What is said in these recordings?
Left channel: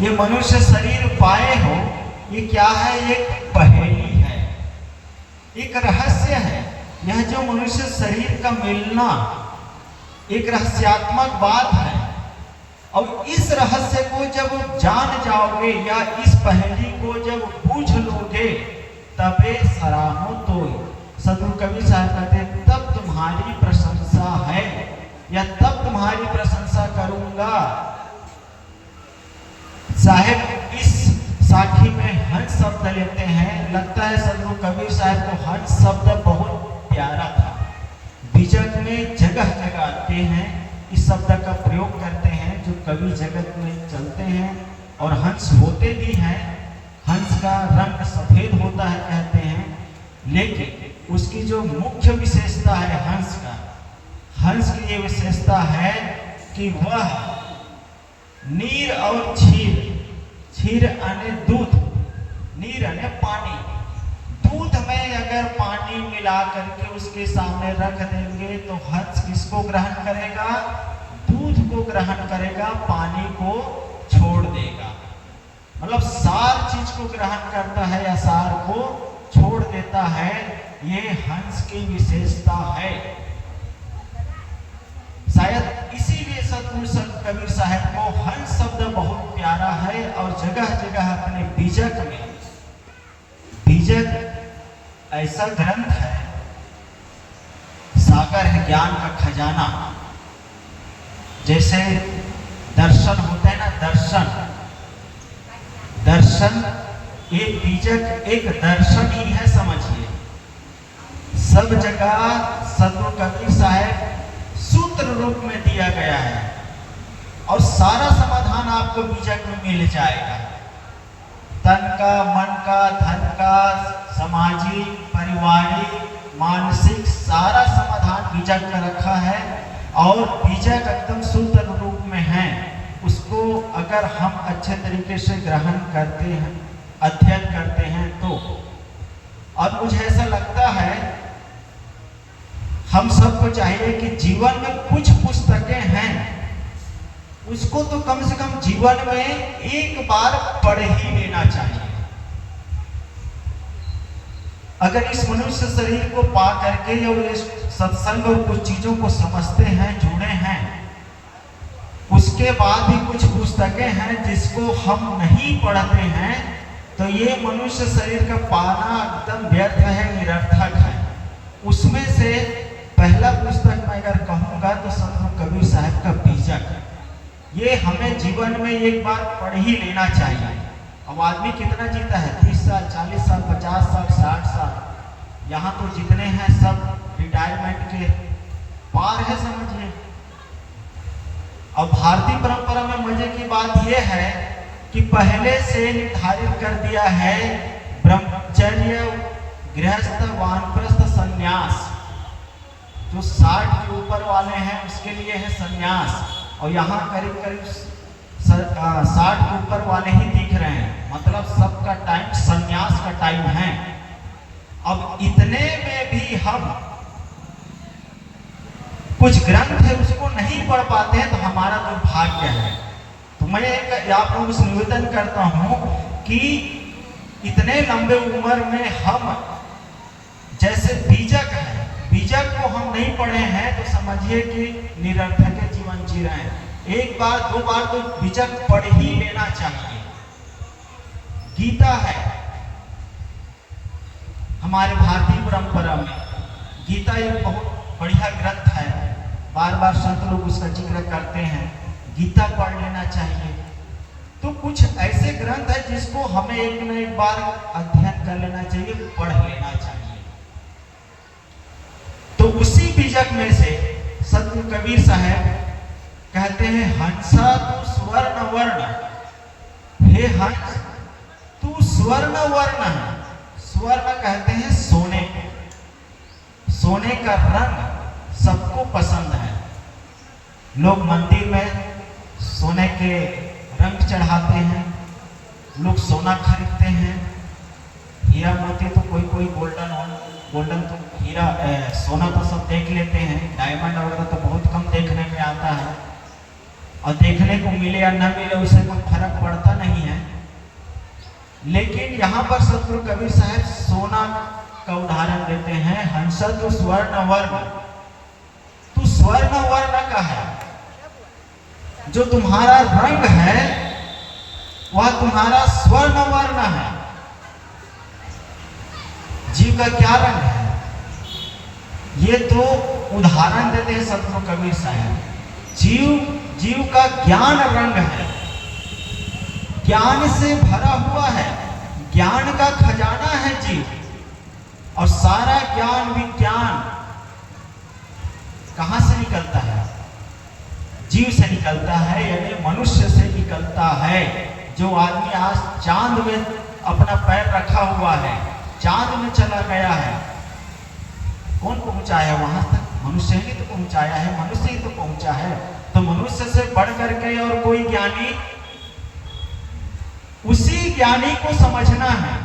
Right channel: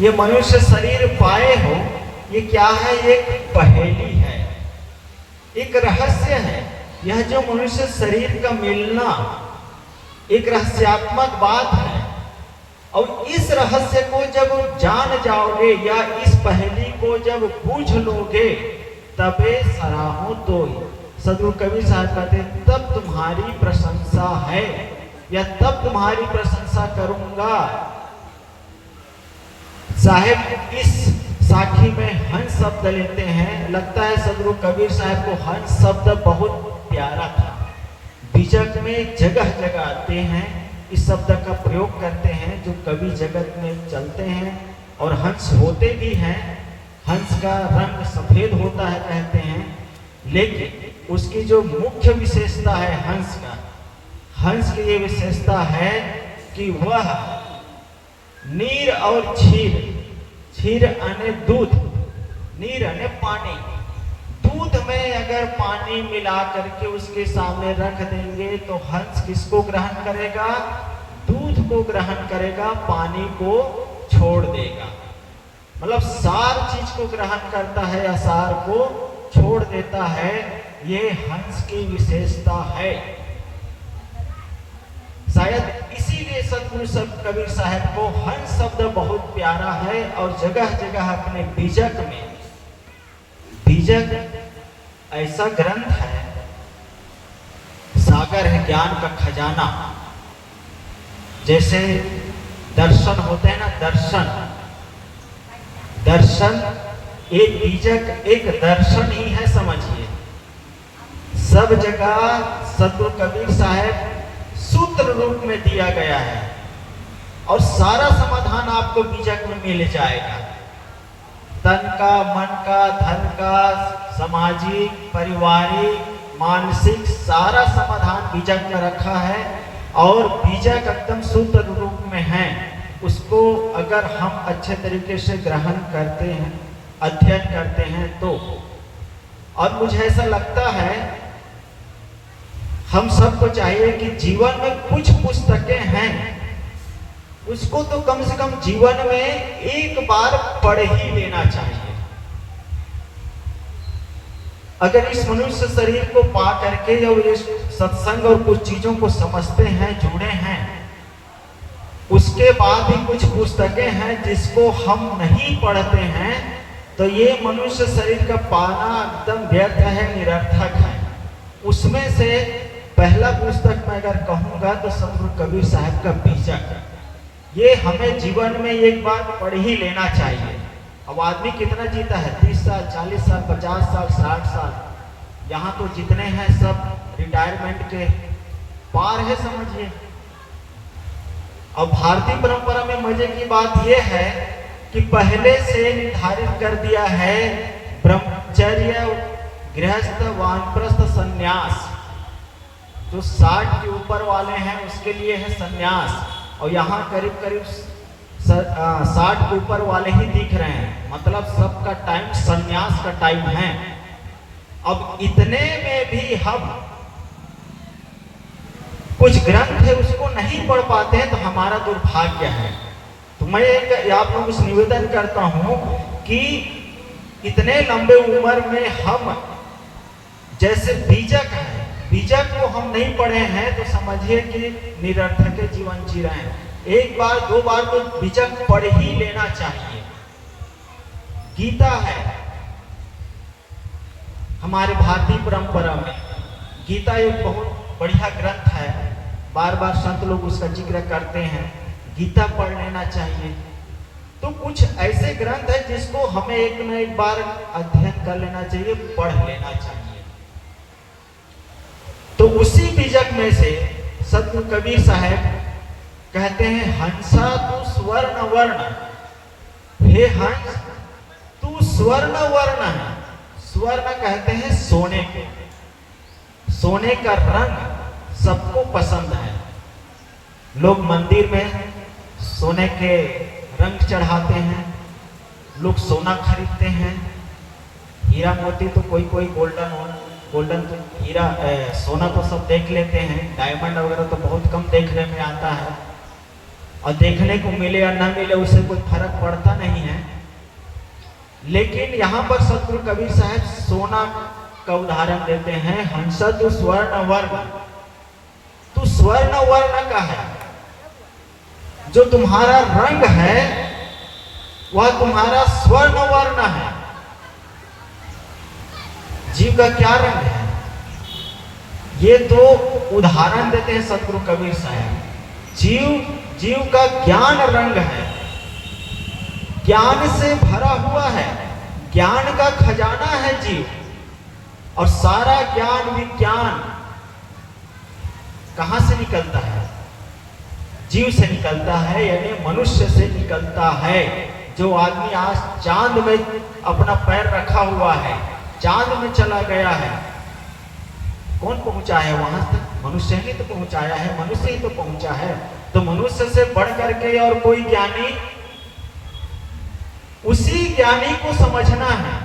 ये मनुष्य शरीर पाए हो, ये क्या है? एक पहेली है, एक रहस्य है। यह जो मनुष्य शरीर का मिलना एक रहस्यात्मक बात है। और इस रहस्य को जब जान जाओगे या इस पहेली को जब बूझ लोगे, तबे सराहो तो सदगुरु कबीर साहब कहते तब तुम्हारी प्रशंसा है, या तब तुम्हारी प्रशंसा करूंगा। साहेब इस साखी में हंस शब्द लेते हैं। लगता है सदगुरु कबीर साहब को हंस शब्द बहुत प्यारा था। बीजक में जगह जगह आते हैं, इस शब्द का प्रयोग करते हैं जो कवि जगत में चलते हैं। और हंस होते भी हैं, हंस का रंग सफेद होता है कहते हैं, लेकिन उसकी जो मुख्य विशेषता है हंस का, हंस की ये विशेषता है कि वह नीर और क्षीर, क्षीर यानी दूध, नीर यानी पानी, दूध में अगर पानी मिला करके उसके सामने रख देंगे तो हंस किसको ग्रहण करेगा? दूध को ग्रहण करेगा, पानी को छोड़ देगा। मतलब सार चीज को ग्रहण करता है या सार को छोड़ देता है। ये हंस की विशेषता है। शायद इसीलिए सदगुरु कबीर साहब को हंस शब्द बहुत प्यारा है। और जगह जगह अपने बीजक में, बीजक ऐसा ग्रंथ है, सागर है ज्ञान का खजाना। जैसे दर्शन होते हैं ना, दर्शन, दर्शन एक बीजक एक दर्शन ही है, समझिए। सब जगह सदगुरु कबीर साहब सूत्र रूप में दिया गया है और सारा समाधान आपको बीजक में मिल जाएगा। तन का, मन का, धन का, सामाजिक, पारिवारिक, मानसिक सारा समाधान बीजक में रखा है। और बीजक एकदम सूत्र रूप में है। उसको अगर हम अच्छे तरीके से ग्रहण करते हैं, अध्ययन करते हैं तो। अब मुझे ऐसा लगता है हम सबको चाहिए कि जीवन में कुछ पुस्तकें हैं, उसको तो कम से कम जीवन में एक बार पढ़ ही लेना चाहिए। अगर इस मनुष्य शरीर को पा करके या इस सत्संग और कुछ चीजों को समझते हैं, जुड़े हैं, उसके बाद भी कुछ पुस्तकें हैं जिसको हम नहीं पढ़ते हैं, तो ये मनुष्य शरीर का पाना एकदम व्यर्थ है, निरर्थक है। उसमें से पहला पुस्तक मैं अगर कहूंगा तो सदगुरु कबीर साहब का बीजक है। ये हमें जीवन में एक बार पढ़ ही लेना चाहिए। अब आदमी कितना जीता है? 30 साल, 40 साल, 50 साल, 60 साल। यहाँ तो जितने हैं सब रिटायरमेंट के पार है, समझिए। अब भारतीय परंपरा में मजे की बात यह है कि पहले से निर्धारित कर दिया है ब्रह्मचर्य, गृहस्थ, वानप्रस्थ, संन्यास। जो 60 के ऊपर वाले हैं उसके लिए है संन्यास। और यहाँ करीब करीब 60 के ऊपर वाले ही दिख रहे हैं, मतलब सबका टाइम संन्यास का टाइम है। अब इतने में भी हम कुछ ग्रंथ है उसको नहीं पढ़ पाते हैं, तो हमारा दुर्भाग्य है। तो मैं आप लोगों से निवेदन करता हूं कि इतने लंबे उम्र में हम जैसे बीजक है, बीजक को हम नहीं पढ़े हैं तो समझिए कि निरर्थक जीवन जी रहे हैं। एक बार दो बार तो बीजक पढ़ ही लेना चाहिए। गीता है हमारे भारतीय परंपरा में, गीता एक बहुत बढ़िया ग्रंथ है, बार बार संत लोग उसका जिक्र करते हैं। गीता पढ़ लेना चाहिए। तो कुछ ऐसे ग्रंथ है जिसको हमें एक न एक बार अध्ययन कर लेना चाहिए, पढ़ लेना चाहिए। तो उसी बीजक में से सदगुरु कबीर साहब कहते हैं, हंसा तू स्वर्ण वर्ण, हे हंस तू स्वर्ण वर्ण है। स्वर्ण कहते हैं सोने के, सोने का रंग सबको पसंद है। लोग मंदिर में सोने के रंग चढ़ाते हैं, लोग सोना खरीदते हैं। हीरा मोती तो कोई कोई गोल्डन तो हीरा सोना तो सब देख लेते हैं, डायमंड वगैरह तो बहुत कम देखने में आता है। और देखने को मिले या न मिले उससे कोई फर्क पड़ता नहीं है। लेकिन यहाँ पर सतगुरु कबीर साहब सोना का उदाहरण देते हैं। हंस तो स्वर्ण वर्ण, तो स्वर्ण वर्ण का है, जो तुम्हारा रंग है वह तुम्हारा स्वर्ण वर्ण है। जीव का क्या रंग है, ये तो उदाहरण देते हैं सतगुरु कबीर साहब। जीव का ज्ञान रंग है, ज्ञान से भरा हुआ है, ज्ञान का खजाना है जीव। और सारा ज्ञान विज्ञान कहां से निकलता है, जीव से निकलता है, यानी मनुष्य से निकलता है। जो आदमी आज चांद में अपना पैर रखा हुआ है, चांद में चला गया है, कौन पहुंचा है वहां तक? मनुष्य ही तो पहुंचाया है, मनुष्य ही तो पहुंचा है। तो मनुष्य से बढ़ करके और कोई ज्ञानी, उसी ज्ञानी को समझना है,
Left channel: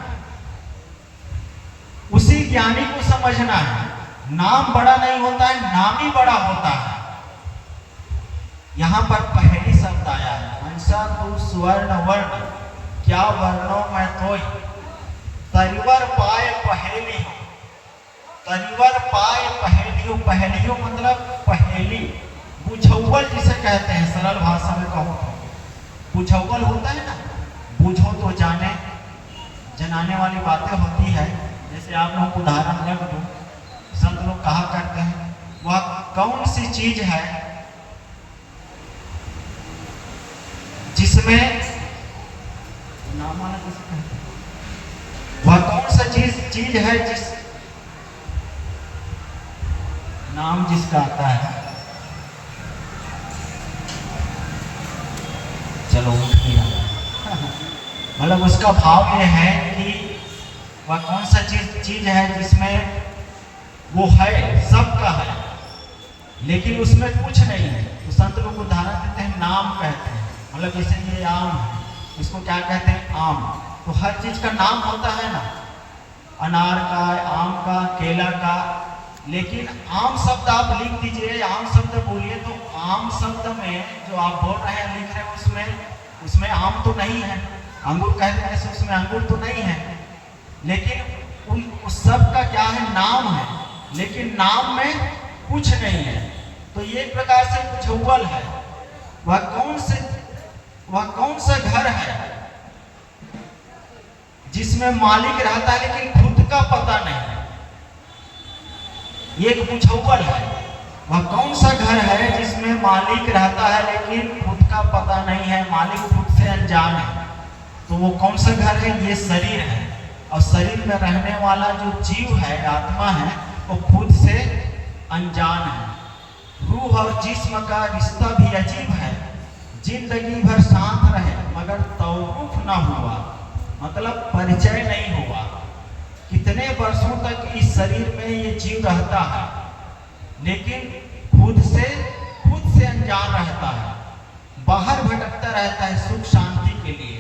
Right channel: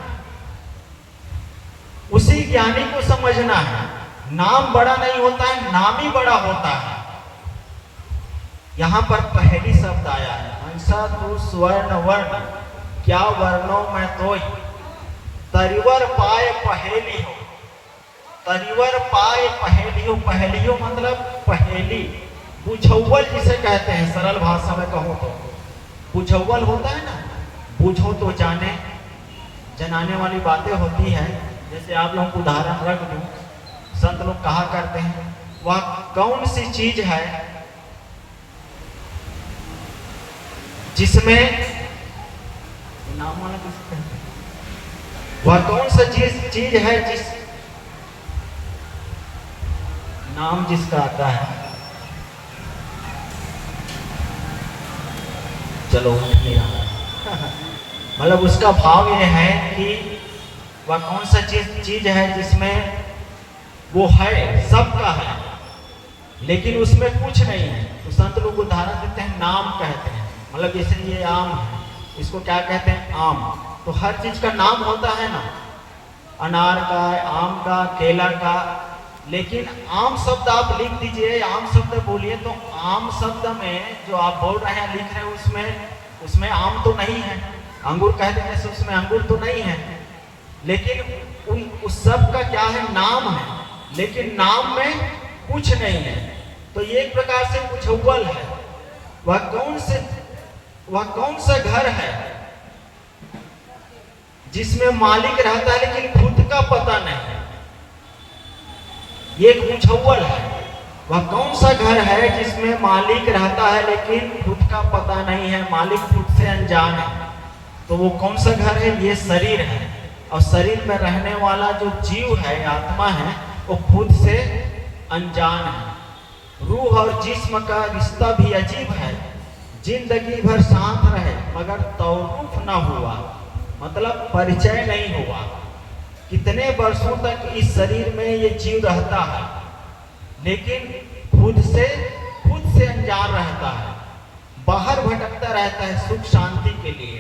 उसी ज्ञानी को समझना है। नाम बड़ा नहीं होता है, नाम ही बड़ा होता है। यहां पर पहली शब्द आया है, हंसा तू स्वर्ण वर्ण, क्या वर्णों में तोय, तरिवर पाए पहेली हो। तरिवर पाए पहेली हो, पहेली हो मतलब पहेली, बुझौल जिसे कहते हैं, सरल भाषा में कहूं तो बुझौल होता है ना, बूझो तो जाने, जनाने वाली बातें होती है। जैसे आप लोगों को उदाहरण रख दूं, संत लोग कहा करते हैं, वह कौन सी चीज है जिसमें नाम वाला किसे कहते हैं, वह कौन सा चीज है जिस नाम जिसका आता है, चलो नहीं आता मतलब उसका भाव यह है कि वह कौन सा चीज है जिसमें वो है, सबका है, लेकिन उसमें कुछ नहीं है। तो संत लोग उदाहरण देते हैं, नाम कहते हैं। मतलब जैसे ये आम है, इसको क्या कहते हैं, आम। तो हर चीज का नाम होता है ना, अनार का, आम का, केला का। लेकिन आम शब्द आप लिख दीजिए, आम शब्द बोलिए, तो आम शब्द में जो आप बोल रहे हैं, लिख रहे हैं, उसमें आम तो नहीं है। अंगूर कहते हैं, उसमें अंगूर तो नहीं है, लेकिन उस शब्द का क्या है, नाम है, लेकिन नाम में कुछ नहीं है। तो ये एक प्रकार से बुझौल है। वह कौन सा घर है जिसमें मालिक रहता है लेकिन खुद का पता नहीं है, ये एक बुझौल है। वह कौन सा घर है जिसमें मालिक रहता है लेकिन खुद का पता नहीं है, मालिक खुद से अनजान है। तो वो कौन सा घर है, ये शरीर है। और शरीर में रहने वाला जो जीव है, आत्मा है, वो खुद से अनजान है। रूह और जिस्म का रिश्ता भी अजीब है, जिंदगी भर साथ रहे मगर तौरुफ ना हुआ, मतलब परिचय नहीं हुआ। कितने वर्षों तक इस शरीर में ये जीव रहता है, लेकिन खुद से अनजान रहता है, बाहर भटकता रहता है सुख शांति के लिए,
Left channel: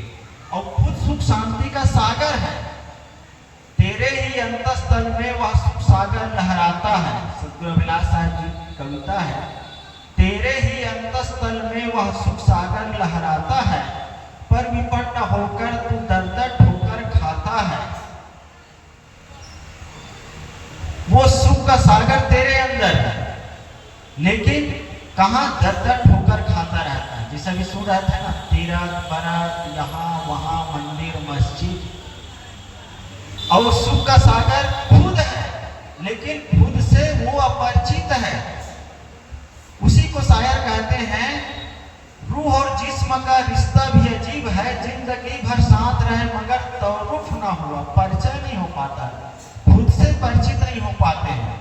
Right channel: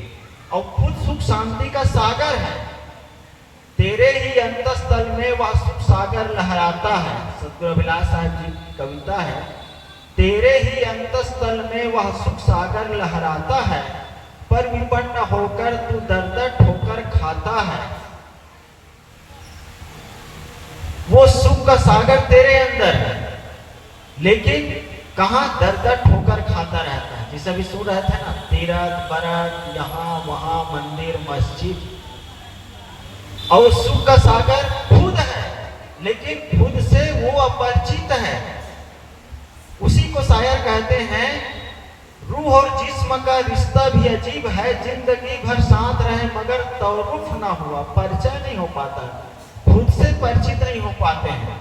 और खुद सुख शांति का सागर है। तेरे ही अंतस्थल में वह सुख सागर लहराता है। सतगुरु अभिलाष साहब जी की कविता है, तेरे ही अंतस्थल में वह सुख सागर लहराता है, पर विपन्न होकर तू दर्द ठोकर खाता है। वो सुख का सागर तेरे अंदर है, लेकिन कहां दर्द ठोकर खाता रहता है। जैसे अभी सुन रहा था ना, तीरथ बरत, यहाँ वहां, मंदिर मस्जिद, और सुख का सागर खुद है, लेकिन खुद से वो अपरिचित है। उसी को शायर कहते हैं, रूह और जिस्म का रिश्ता भी अजीब है, जिंदगी भर साथ रहे मगर तौरुफ ना हुआ, परिचय नहीं हो पाता, खुद से परिचित नहीं हो पाते हैं,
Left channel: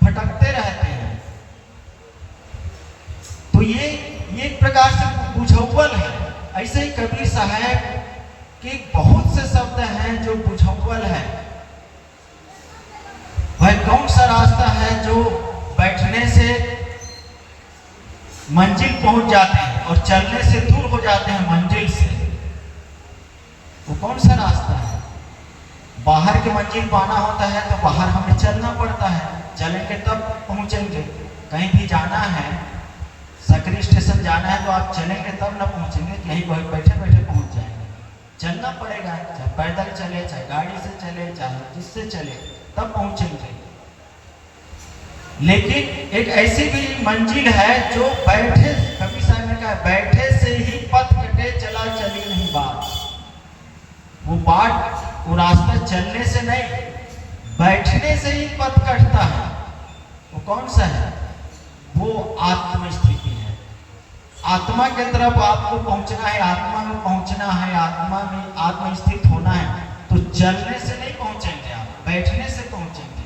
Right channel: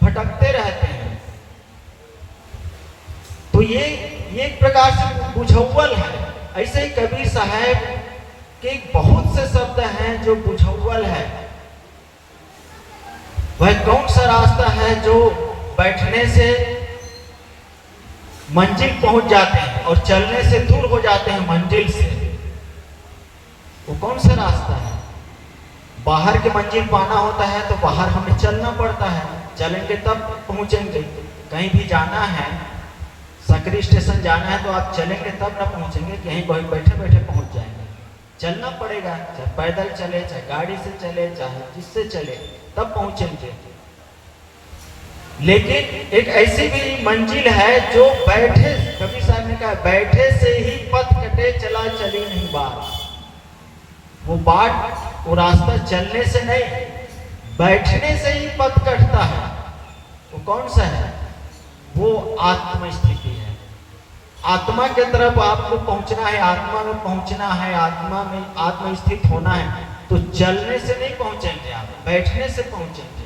भटकते रहते हैं। तो ये एक प्रकार से बुझौल है। ऐसे ही कबीर साहब के बहुत से शब्द हैं जो बुझौल है। वह कौन सा रास्ता है जो बैठने से मंजिल पहुंच जाते हैं और चलने से दूर हो जाते हैं मंजिल से, वो कौन सा रास्ता है? बाहर की मंजिल पाना होता है तो बाहर हमें चलना पड़ता है, चलेंगे तब पहुंचेंगे। कहीं भी जाना है, सकरी स्टेशन जाना है तो आप चलेंगे तब ना पहुंचेंगे, कहीं बैठे बैठे पहुंच जाएंगे। चलना पड़ेगा, चाहे पैदल चले, चाहे गाड़ी से चले, चाहे जिससे चले, तब पहुंचेंगे। लेकिन एक ऐसी भी मंजिल है जो बैठे, कबीर साहब ने कहा, बैठे से ही पथ कटे, चला चली नहीं बात। वो बाट, वो रास्ता चलने से नहीं, बैठने से ही पथ कटता है। वो कौन सा है? वो आत्म स्थिति है। आत्मा के तरफ आपको पहुंचना है, आत्मा में पहुंचना है, आत्मा में आत्मस्थित होना है। तो चलने से नहीं पहुंचेंगे आप, बैठने से पहुंचेंगे।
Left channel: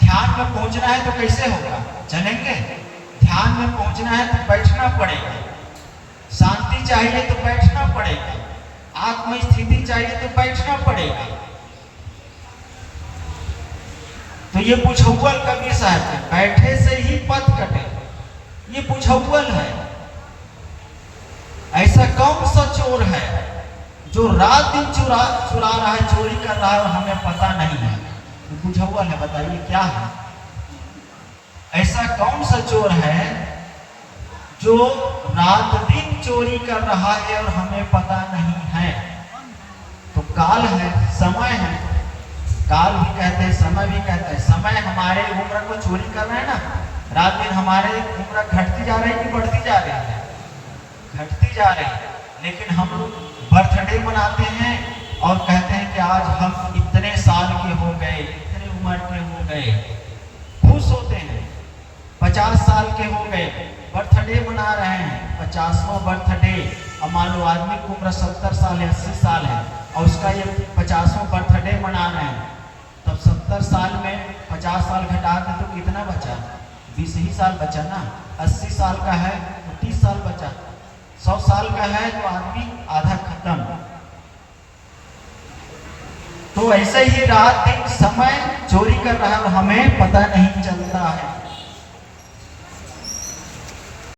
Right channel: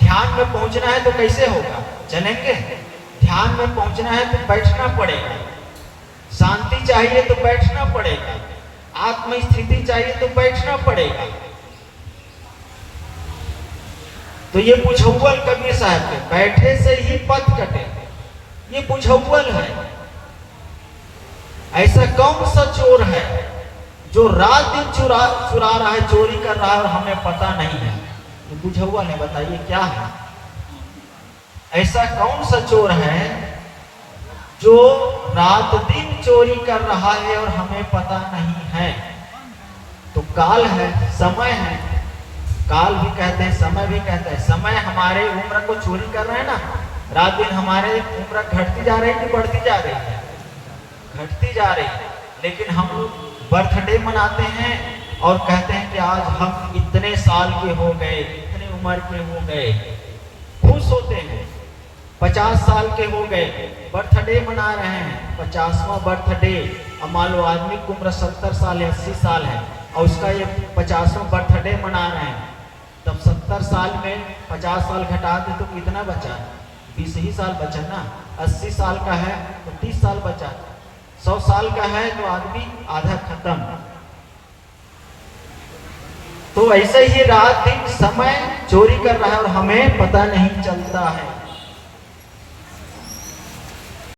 ध्यान में पहुंचना है तो कैसे होगा? चलेंगे। ध्यान में पहुंचना है तो बैठना पड़ेगा। शांति चाहिए तो बैठना पड़ेगा। आत्मस्थिति चाहिए तो बैठना पड़ेगा। तो ये बुझौल कबीर साहब के, बैठे से ही पथ कटे, ये बुझौल है। ऐसा कौन सा चोर है जो रात दिन चुरा रहा है, चोरी कर रहा है और हमें पता नहीं है? तो बुझौल है, बताइए क्या है? ऐसा कौन सा चोर है जो रात दिन चोरी कर रहा है और हमें पता नहीं है? तो काल है, समय है। काल भी कहते हैं, समय भी कहते हैं। समय हमारे उम्र को चोरी कर रहे हैं ना, रात दिन हमारे उम्र घटती जा रही है कि बढ़ती जा रही है? घटती जा रही है। लेकिन हम लोग बर्थडे मनाते हैं और कहते हैं कि आज हम इतने साल के हो गए, इतने उम्र के हो गए, खुश होते हैं। 50 साल के हो गए, बर्थडे मना रहे हैं, 50वां बर्थडे। अब मान लो आदमी की उम्र 70 साल है, 80 साल है और उसका ये 50वां बर्थडे मना रहे हैं, तब 70 साल में 50 साल घटा दे तो कितना बचा? 20 ही साल बचा ना। 80 साल का है तो 30 साल बचा। 100 साल का है तो आदमी आधा खत्म। तो ऐसे ही रात दिन समय चोरी कर रहा है और हमें पता नहीं चलता।